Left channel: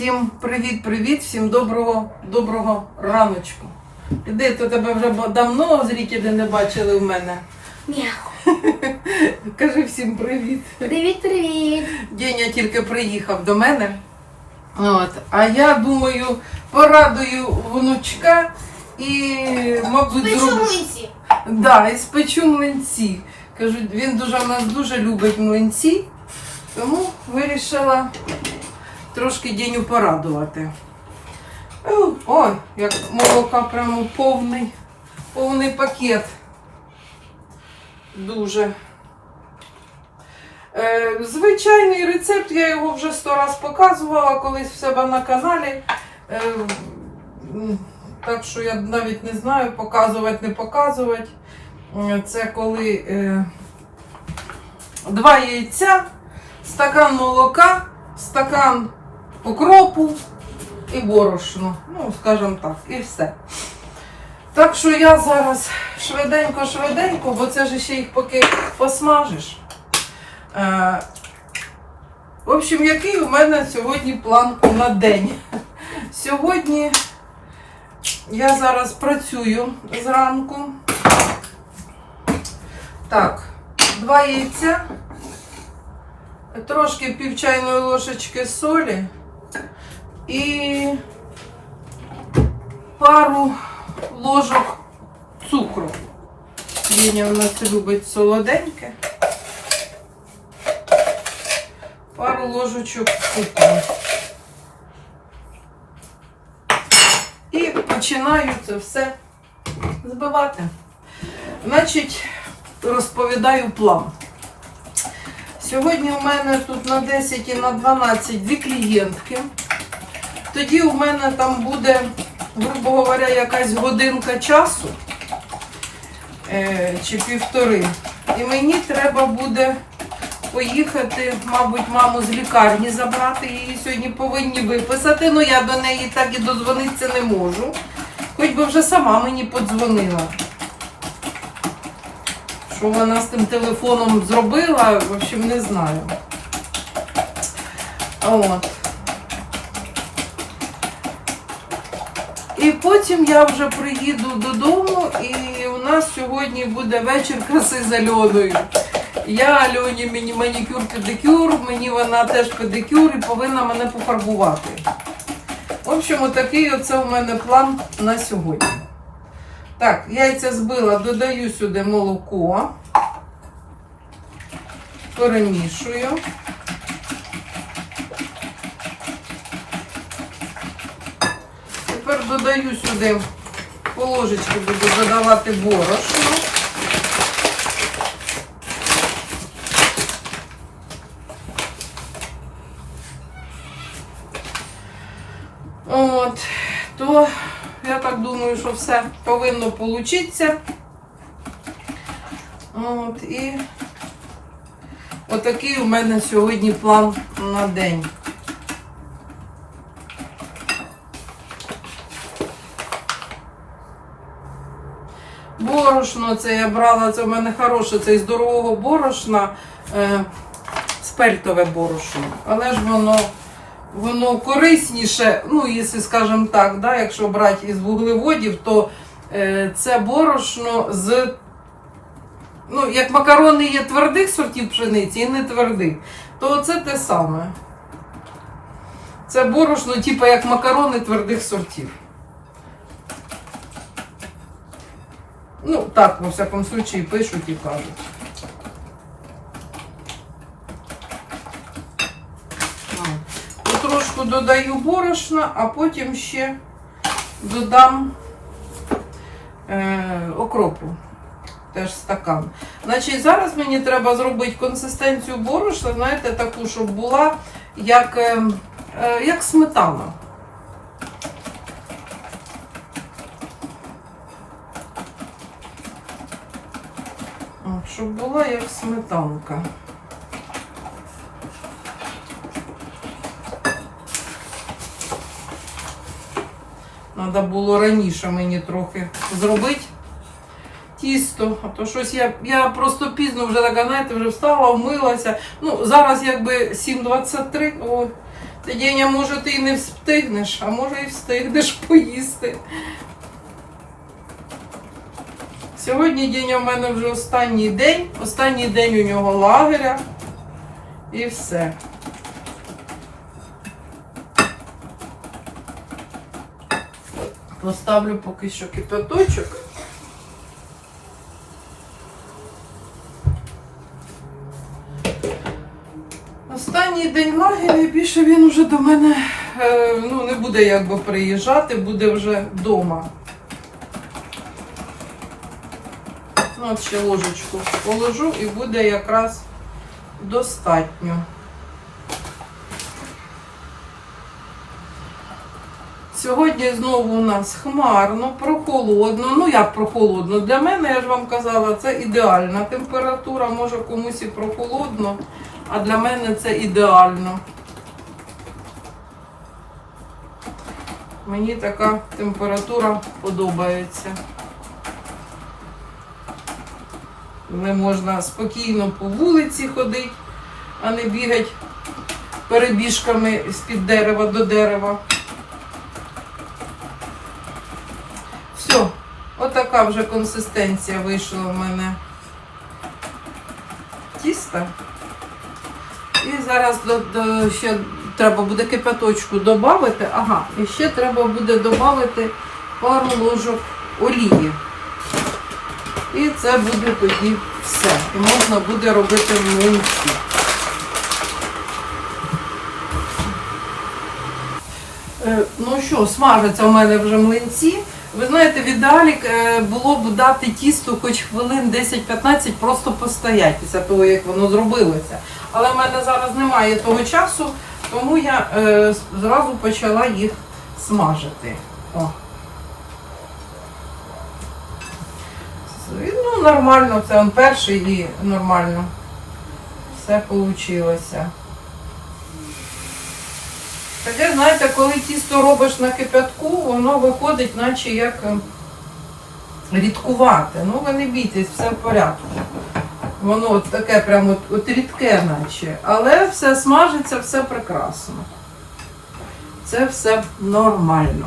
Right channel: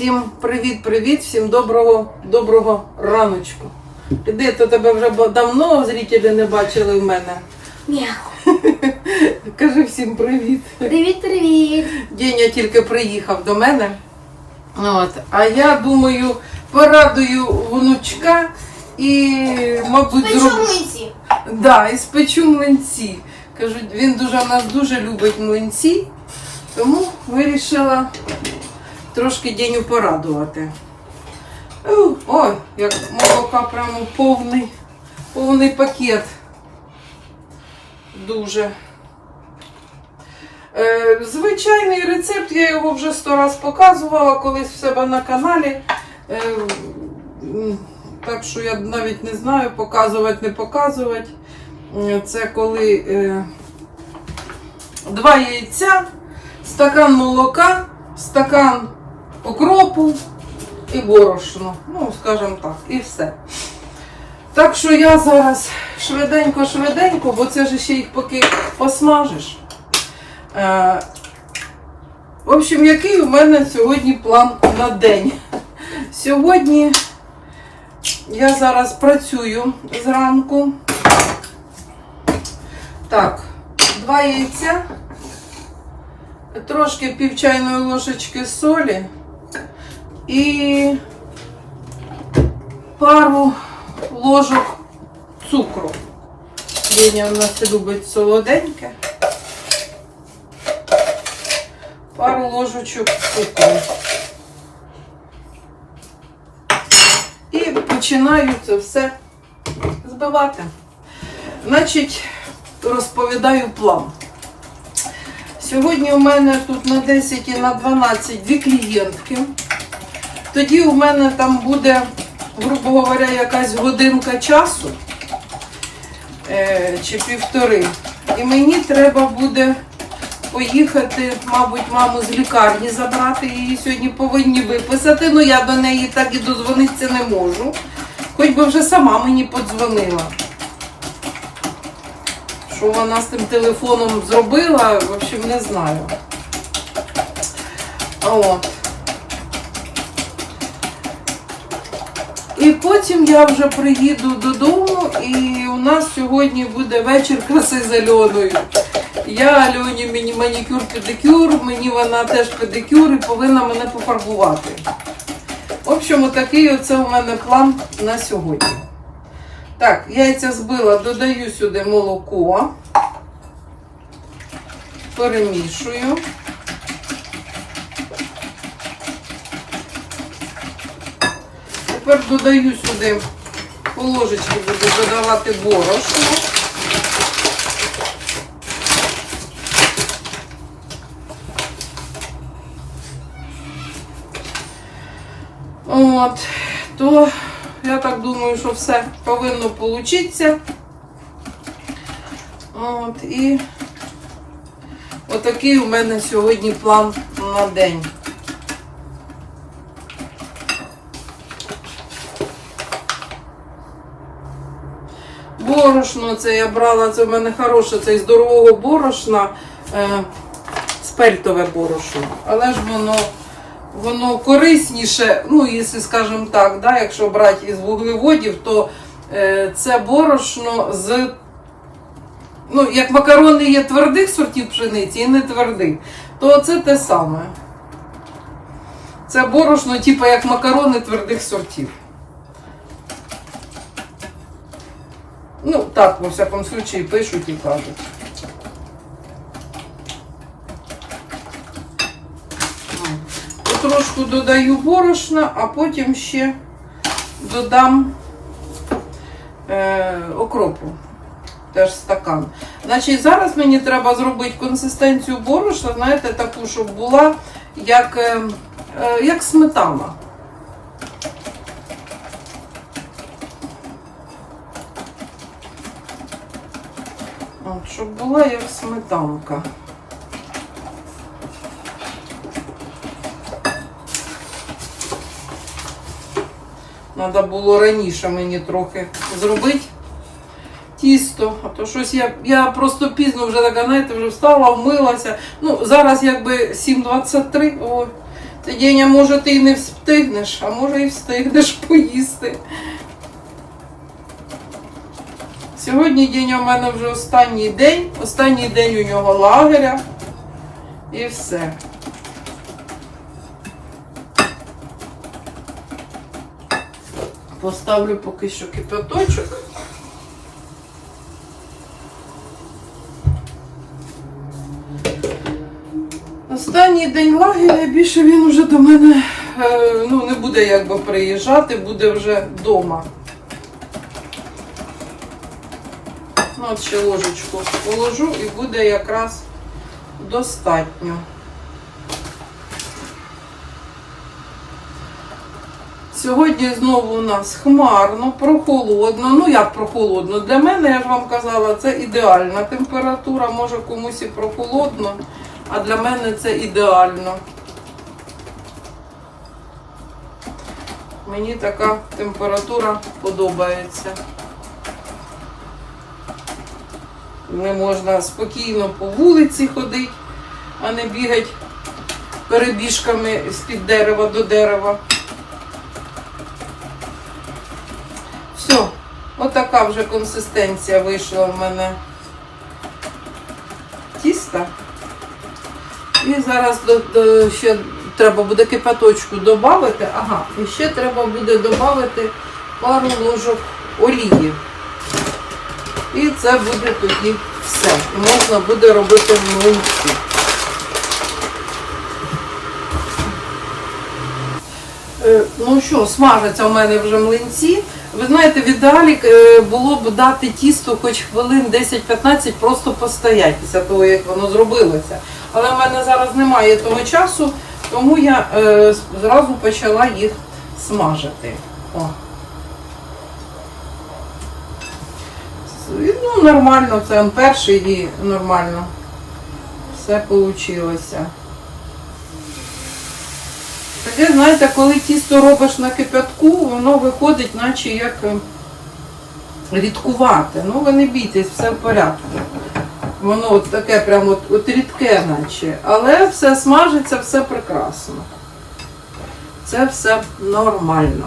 Всім привіт-привіт, всім доброго, доброго раночку. Іди, то тебе вже давно зрителі не бачили в мене. Ні. Кажи всім привіт. Привіт, привіт. Деня тільки приїхав до мене. От. А я думаю, порадую внучка і, мабуть, зроблю. Печумниці. Да, і спечу млинці. Кажуть, він дуже в нас дуже любить млинці, тому вирішила трошки Деню порадувати. О, як молока прямо повний, повний пакет. Дуже. Е, звичайний рецепт, я його вже сто раз показувала колись в себе на каналі. Е, так що я навіть не знаю, показувати, не показувати. Це коли е, два яйця, стакан молока, стакан окропу і борошно. Ну, скажімо так, і все. Так що я зараз швиденько-швиденько, бо це ж ще їх поки посмажиш. Е, в общем, який у мене сьогодні план на день? Сьогодні я зараз працюю зранку. Так, два яйця, трошки пів чайної ложечки солі і пару ложок цукру. Деня в нас любить солоденьке. Пару ложечок цукру. І починаю це все збивати. Значить, розповідаю план. Сьогодні у мене тут на 10 і на 12 дві клієнтки. Тоді у мене там буде, грубо говоря, якась годинка часу е, чи півтори. І мені треба буде поїхати, мабуть, маму з лікарні забрати. Її сьогодні повинні виписати. Ну я до неї так і дозвонитися не можу. Хоч би вже сама мені подзвонила. Що вона з тим телефоном зробила, в общем, не знаю. От. І потім я вже приїду додому, і у нас сьогодні буде вечір краси з Альоною. Я Альоні мені манікюр, педикюр, мені вона теж педикюр і повинна мене пофарбувати. В общем, отакий оце у мене план на сьогодні. Так, яйця збила, додаю сюди молоко, перемішую. Тепер додаю сюди по ложечці буду додавати борошно. От, то я так думаю, що все повинно получитися. От, і отакий у мене сьогодні план на день. Борошно це я брала, це в мене хороше, це із дорогого борошна, е, спельтове борошно. Але ж воно, воно корисніше, ну, якщо скажемо так, да, якщо брати із вуглеводів, то е, це борошно з. Ну, як макарони є твердих сортів пшениці і не твердих, то це те саме. Це борошно, типу як макарони твердих сортів. Ну, так, во всякому случаї, пишуть і кажуть. Потрошку додаю борошна, а потім ще додам е, окропу. Теж стакан. Значить, зараз мені треба зробити консистенцію борошна, знаєте, таку, щоб була як, е, е, як сметана. Щоб була як сметанка. Треба було раніше мені трохи зробити тісто. А то щось я, я просто пізно вже така, знаєте, вже встала, вмилася. Ну, зараз якби 7.23. О, Ти може, ти і не встигнеш, а може і встигнеш поїсти. Сьогодні день у мене вже останній день. Останній день у нього лагеря. І все. Поставлю поки що кипяточок. Останній день лагеря, більше він вже до мене е, ну, не буде якби приїжджати, буде вже вдома. От ще ложечку положу і буде якраз достатньо. Сьогодні знову у нас хмарно, прохолодно. Ну як прохолодно? Для мене, я ж вам казала, це ідеальна температура. Може комусь і прохолодно, а для мене це ідеально. Мені така температура подобається. Не можна спокійно по вулиці ходити, а не бігати перебіжками з-під дерева до дерева. Все, отака вже консистенція вийшла в мене тіста. І зараз до, до, ще треба буде кипяточку додати. Ага, і ще треба буде додати пару ложок олії. І це буде тоді все. Можна буде робити млинці. Е, Ну що, смажаться у мене вже млинці. Ви знаєте, в ідеалі е, було б дати тісто хоч хвилин 10-15, просто постоять після того, як воно зробилося. Але в мене зараз немає того часу, тому я е, зразу почала їх смажити. О. Ну, нормально, це он перший і нормально. Все вийшло. Таке, знаєте, коли тісто робиш на кипятку, воно виходить, наче як е, рідкувате. Ну, ви не бійтесь, все в порядку. Воно от таке прямо от, от рідке, наче. Але все смажиться, все прекрасно. Це все нормально.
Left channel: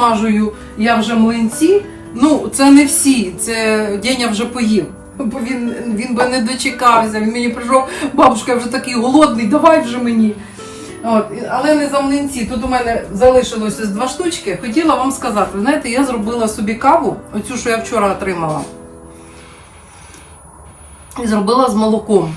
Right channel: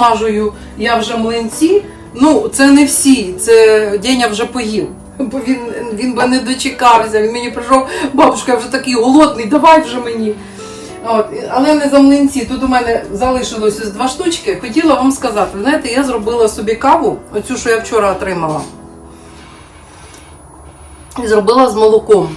Досмажую я вже млинці. Ну, це не всі, це Деня вже поїв. Бо він, він би не дочекався. Він мені прийшов, бабушка, я вже такий голодний, давай вже мені. От, але не за млинці. Тут у мене залишилося два штучки. Хотіла вам сказати, знаєте, я зробила собі каву, оцю, що я вчора отримала. І зробила з молоком.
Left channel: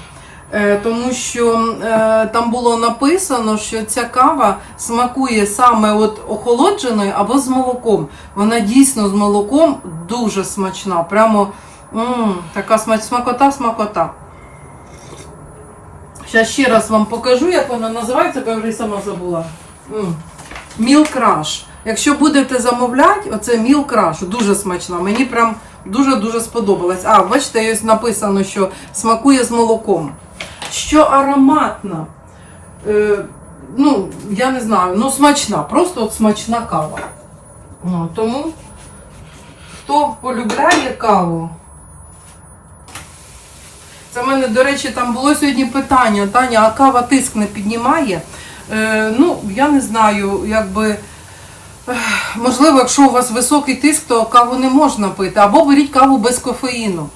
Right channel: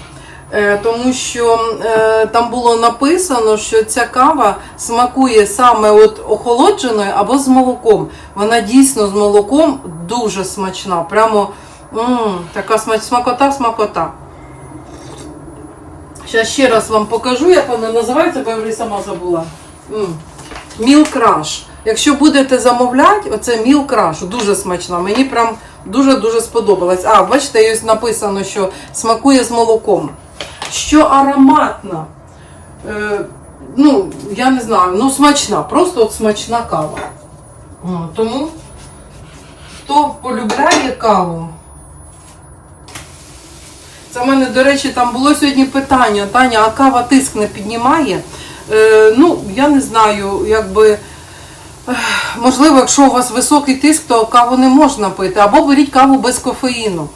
Е, Тому що е, там було написано, що ця кава смакує саме от охолодженою або з молоком. Вона дійсно з молоком дуже смачна. Прямо м, така смач, смакота, смакота. Зараз ще раз вам покажу, як вона називається, бо я вже сама забула. Міл краш. Якщо будете замовляти, оце міл краш, дуже смачна. Мені прям дуже-дуже сподобалась. А, бачите, ось написано, що смакує з молоком. Що ароматна. е, ну, я не знаю, ну смачна, просто от смачна кава. Тому, хто полюбляє каву. Це в мене, до речі, там було сьогодні питання, Таня, а кава тиск не піднімає? Е, ну, я не знаю, якби. Можливо, якщо у вас високий тиск, то каву не можна пити. Або беріть каву без кофеїну.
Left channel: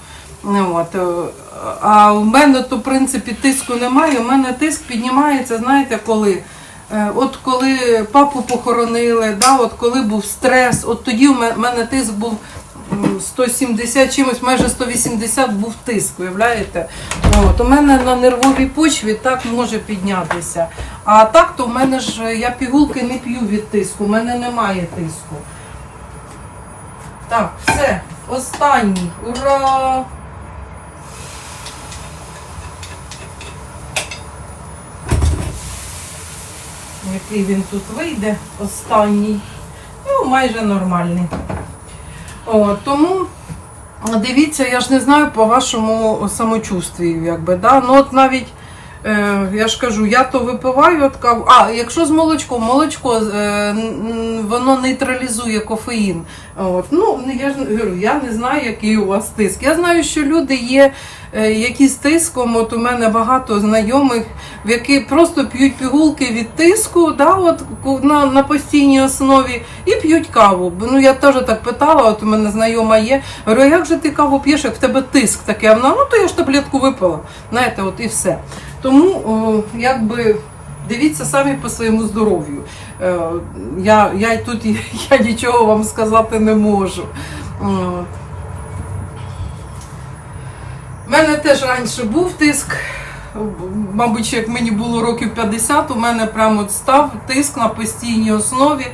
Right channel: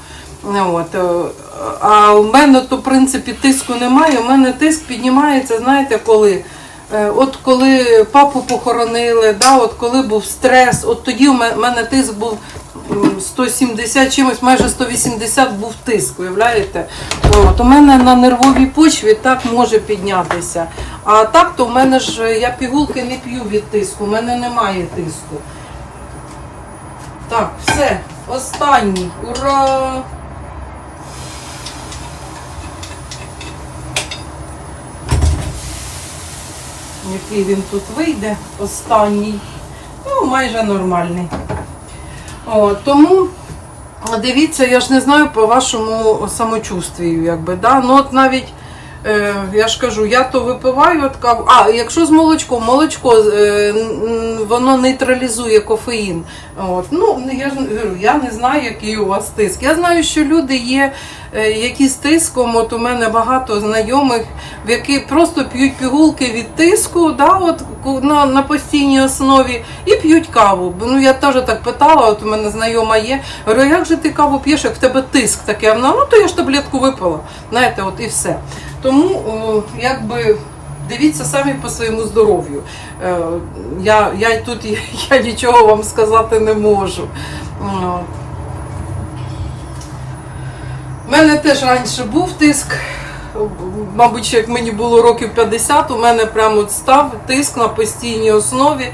Ну, От. Е, А у мене то, в принципі, тиску немає. У мене тиск піднімається, знаєте, коли? Е, От коли папу похоронили, да, от коли був стрес, от тоді у мене тиск був 170 чимось, майже 180 був тиск, уявляєте? От, у мене на нервовій почві так може піднятися. А так, то в мене ж я пігулки не п'ю від тиску, у мене немає тиску. Так, все, останній. Ура! Який він тут вийде, останній. Ну, майже нормальний. О, тому дивіться, я ж не знаю по вашому самочувствію, якби, да? ну от навіть. Е, я ж кажу, я то випиваю от каву. А, якщо з молочком, молочко е, воно нейтралізує кофеїн. От. Ну, я ж говорю, я не знаю, який у вас тиск. Я знаю, що люди є, які з тиском. От у мене багато знайомих, в які просто п'ють пігулки від тиску, да, от, на, на постійній основі, і п'ють каву. Ну, я теж так питала, от у мене знайома є. Говорю, як же ти каву п'єш, як в тебе тиск такий? Вона, ну то я ж таблетку випила. Знаєте, от і все. Тому, о, якби. Дивіться самі по своєму здоров'ю. Е, я, я тут я нічого вам сказати не можу. У мене теж раніше був тиск. Мабуть, як мені було років 50, у мене прямо став тиск на постійній основі.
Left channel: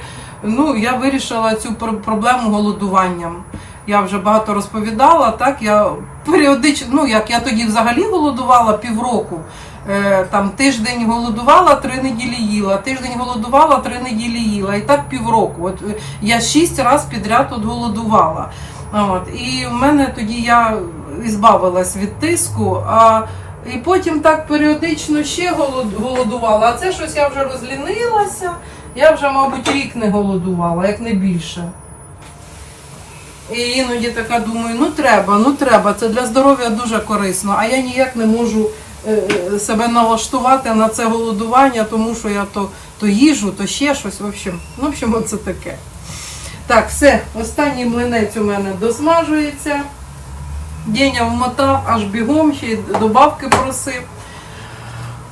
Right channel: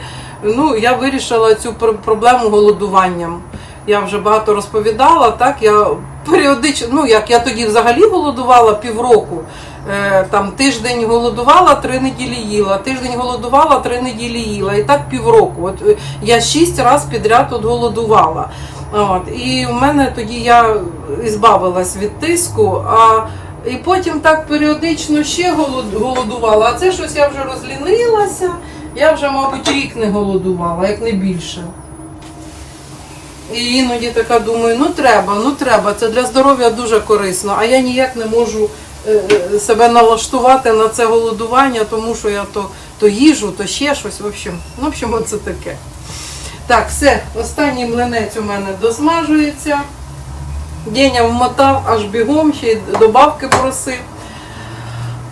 Ну, я вирішила цю проблему голодуванням. Я вже багато розповідала. Так, я періодично, ну як я тоді взагалі голодувала півроку. Е, там тиждень голодувала, три неділі їла, тиждень голодувала, три неділі їла. І так півроку. От е, я шість разів підряд от голодувала. От, і в мене тоді я збавилась від тиску, а і потім так періодично ще голодувала. А це щось я вже розлінилася. Я вже, мабуть, рік не голодувала, як не більше. І іноді така думаю, ну треба, ну треба, це для здоров'я дуже корисно. А я ніяк не можу е, е, себе налаштувати на це голодування, тому що я то, то їжу, то ще щось. В общем, в общем, оце таке. Так, все, останній млинець у мене досмажується. Деня вмотав аж бігом, ще й добавки просив.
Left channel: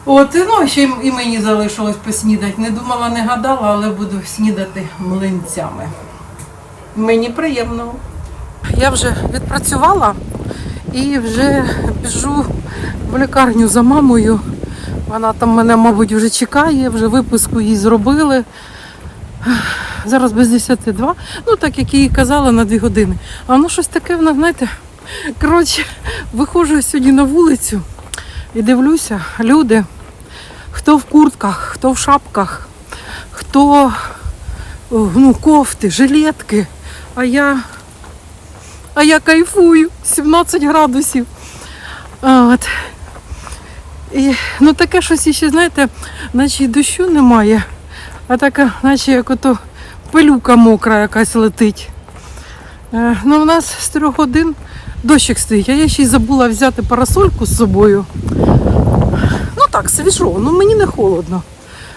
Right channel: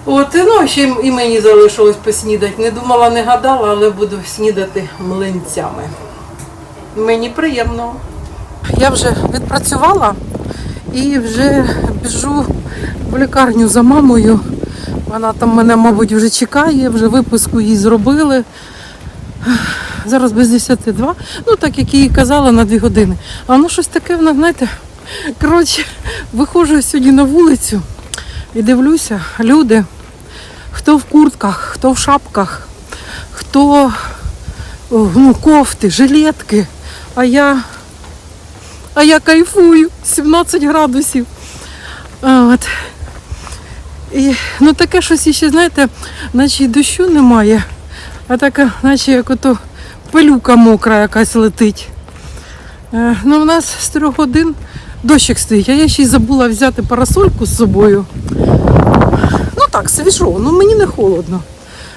От, ну, ще і мені залишилось поснідати. Не думала, не гадала, але буду снідати млинцями. Мені приємно. Я вже відпрацювала і вже біжу в лікарню за мамою. Вона там мене, мабуть, вже чекає, вже виписку їй зробили. Зараз без 10 ну так як їй казала на 2 години. А воно щось таке, воно, знаєте, коротше, виходжу сьогодні на вулицю і дивлюся, люди, хто в куртках, хто в шапках, хто ну, кофти, жилетки. А я, а я кайфую, 17 градусів. От. І, ну таке щось іще, знаєте, наче й дощу немає, а така, наче як ото пилюка мокра якась летить. Е, ну, у нас з трьох годин дощик стоїть, я ще й забула взяти парасольку з собою. Ну так, свіжо, ну мені не холодно.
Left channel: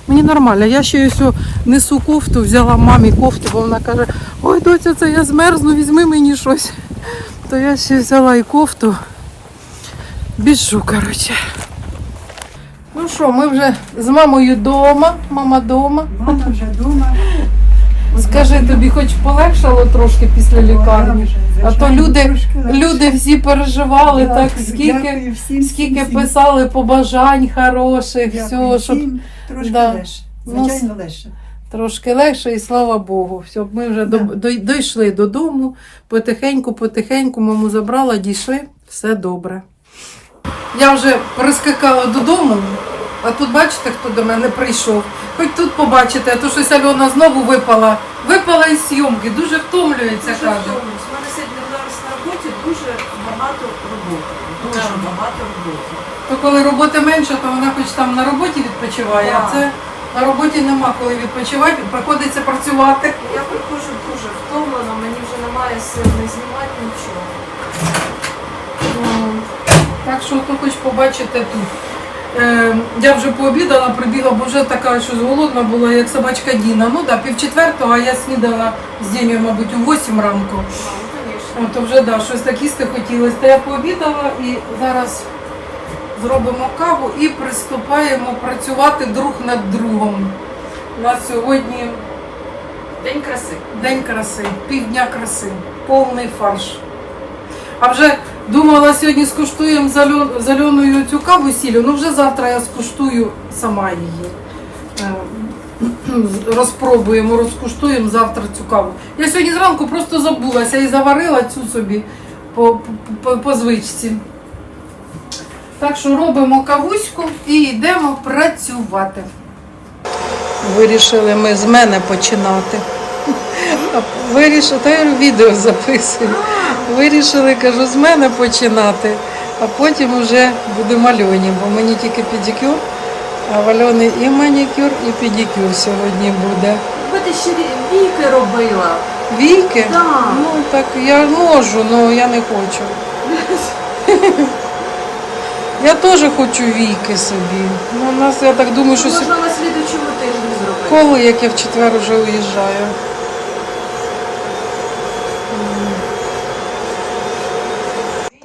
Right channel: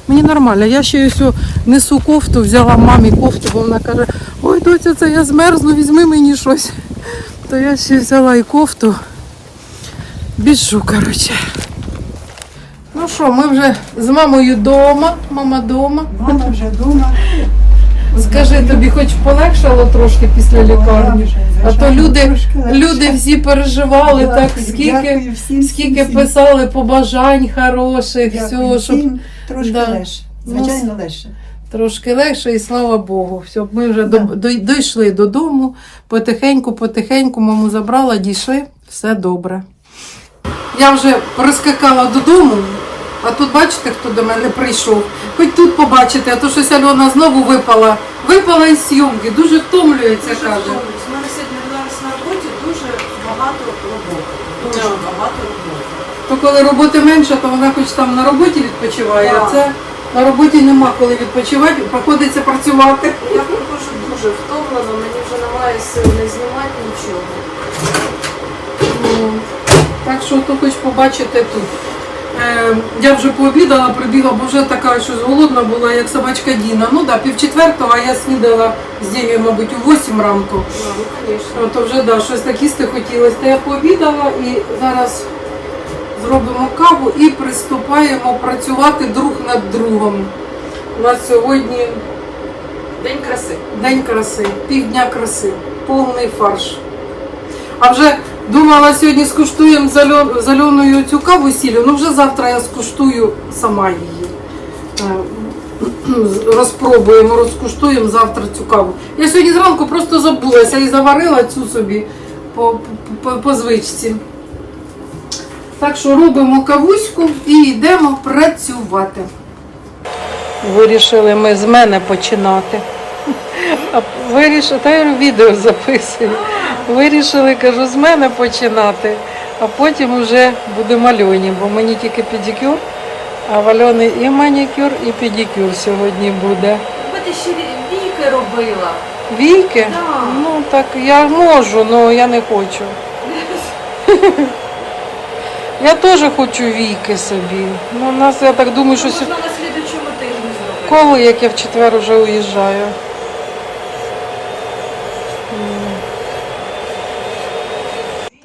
Мені нормально. Я ще ось несу кофту, взяла мамі кофту, бо вона каже, ой, доця, це я змерзну, візьми мені щось. То я ще взяла і кофту. Біжу, коротше. Ну що, ми вже з мамою вдома. Мама вдома. Мама вже вдома. Скажи, тобі хоч полегшало трошки після лікарні? А то люди, люди всі переживали, так скільки, скільки писали побажань хороших, всього, щоб Трошки легше. Ну, Звичайно, легше. трошки легше, і слава Богу. Все, ми вже до, дійшли додому, потихеньку, потихеньку маму забрала, дійшли, все добре. Я вже прискакала додому, а тут бачите, хто до мене прийшов. Хоч тут побачите, а то щось Альона знову випала. Випала із зйомки, дуже втомлюється, каже. У мене сьогодні нас на роботі дуже багато роботи. Дуже багато роботи. То коли роботи менше, то вона хоч там на роботі відпочиває, а Так. це на роботі нема коли відпочивати, приходиться працювати. Я приходжу дуже втомлена, мені вже немає сил не знімати нічого. О, Так що то хоч побачите тут. Е, я вже пообідала, прибігла, бо вже така щось голодна була, як собачка Діна. Ну так, пів четвертого, а я снідала з Діною, мабуть, у 8 ранку. Ну, то вже да, щось так їсти хотілося. То я пообідала і зараз зробимо каву і приступаємо працювати друг над другом. У нас сьогодні День краси. День краси, півдня краси, повний фарш. А вже думала, сьогодні скуштуємо з Альон- Альоною цю каву з сіллю, ну вже завтра я скуштую сама її. Е, Розпробуємо, розкуштуємо завтра цю каву. Я сьогодні зранку просто забулася і заварила цю собі по, по, по звичці. Так що робимо кавуську і йдемо працювати. Вирішили ми з мене починати. Вирішили, та я відео записую. Вирішили, кажу, з мене починати, а потім вже будемо Альоні, бо мені тільки педикюр, а в Альони і манікюр, і педикюр сьогодні буде. Ви ти ще віки робила. Війки? Так. Ну так я можу, але я не хочу. Я теж хочу війки собі. Ну, у нас, я так думаю, що Можна на слідучому тижні зробити. коли, як я в четвер вже уїжджаю.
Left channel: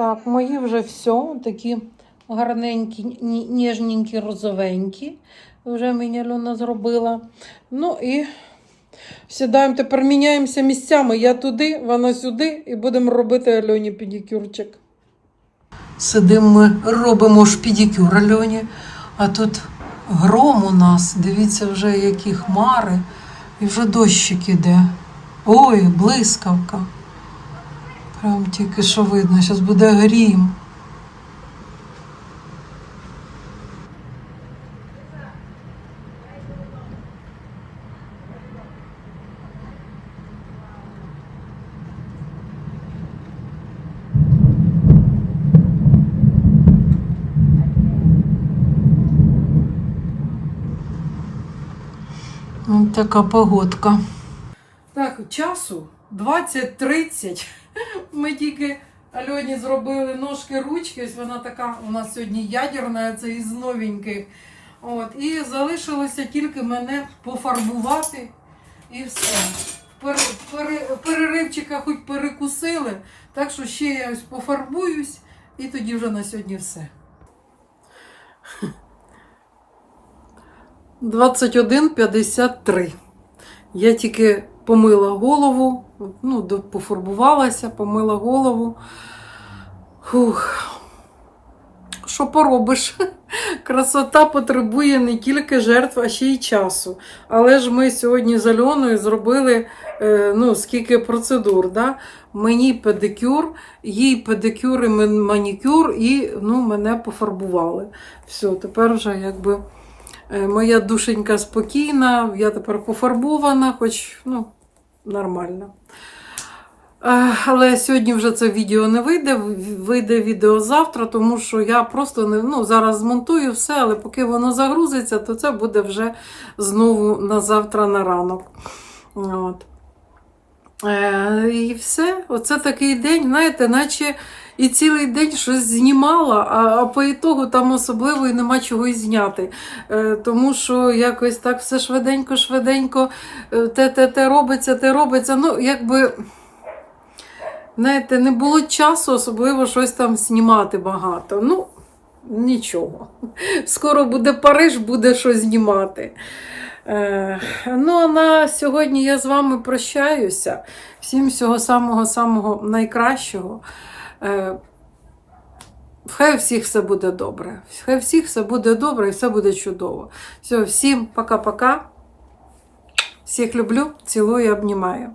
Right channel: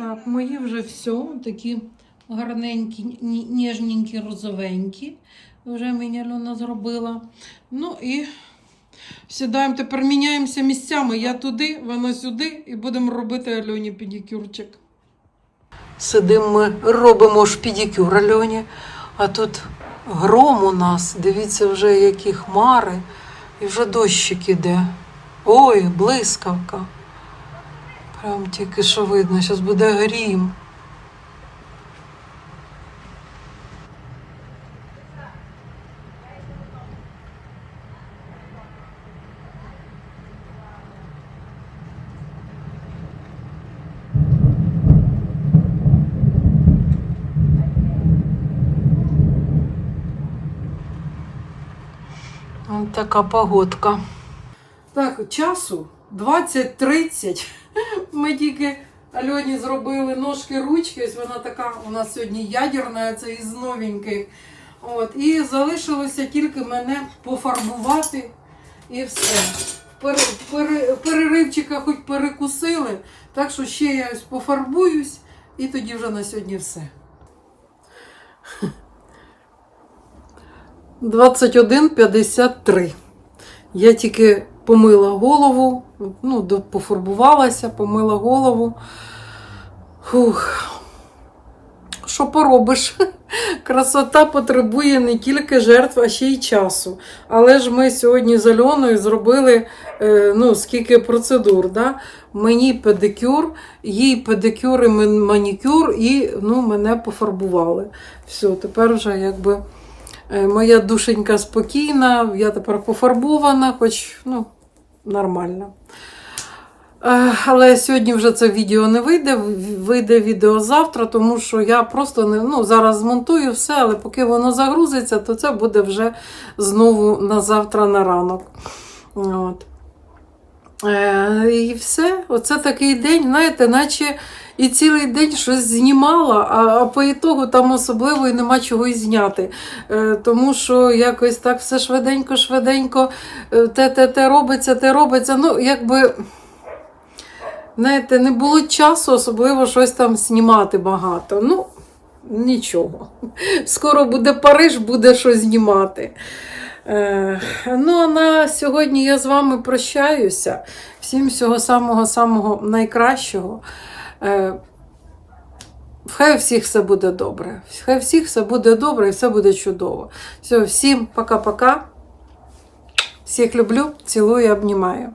Так, мої вже все, такі гарненькі, ні- ніжненькі, розовенькі. Вже мені Альона зробила. Ну і сідаємо, тепер міняємося місцями. Я туди, вона сюди, і будемо робити Альоні педикюрчик. Сидимо ми, робимо ж педикюр Альоні, а тут гром у нас. Дивіться, вже які хмари, і вже дощик іде. Ой, блискавка. Прям тільки що видно, зараз буде грім. Така погодка. Так, часу 20.30. Ми тільки Альоні зробили ножки ручки. Ось вона така у нас сьогодні ядерна, це із новеньких. От, і залишилося тільки мене пофарбувати і все. Пере, пере, переривчика хоч перекусили, так що ще я ось пофарбуюсь, і тоді вже на сьогодні все. 21.53. Я тільки помила голову, ну, пофарбувалася, помила голову. Фух. Що поробиш? Красота потребує не тільки жертв, а ще й часу. Але ж ми сьогодні з Альоною зробили е, ну, скільки процедур. Да? Мені педикюр, їй педикюр і манікюр, і ну, мене пофарбували. Все, тепер вже якби. Е, Моя душенька спокійна, я тепер пофарбована, хоч ну, нормально. Е, Але сьогодні вже це відео не вийде, вийде відео завтра, тому що я просто не ну, зараз змонтую все, але поки воно загрузиться, то це буде вже знову на завтра на ранок. От. Е, і все, оце такий день, знаєте, наче і цілий день щось знімала, а, по ітогу там особливо і нема чого і зняти. Е, тому що якось так все швиденько, швиденько, е, те, те, те робиться, те робиться. Ну, якби, знаєте, не було часу особливо щось там знімати багато. Ну, нічого. Скоро буде Париж, буде що знімати. Е, ну, а на сьогодні я з вами прощаюся. Всім всього самого-самого найкращого. Е, Хай у всіх все буде добре. Хай у всіх все буде добре і все буде чудово. Все, всім пока-пока. Всіх люблю, цілую обнімаю.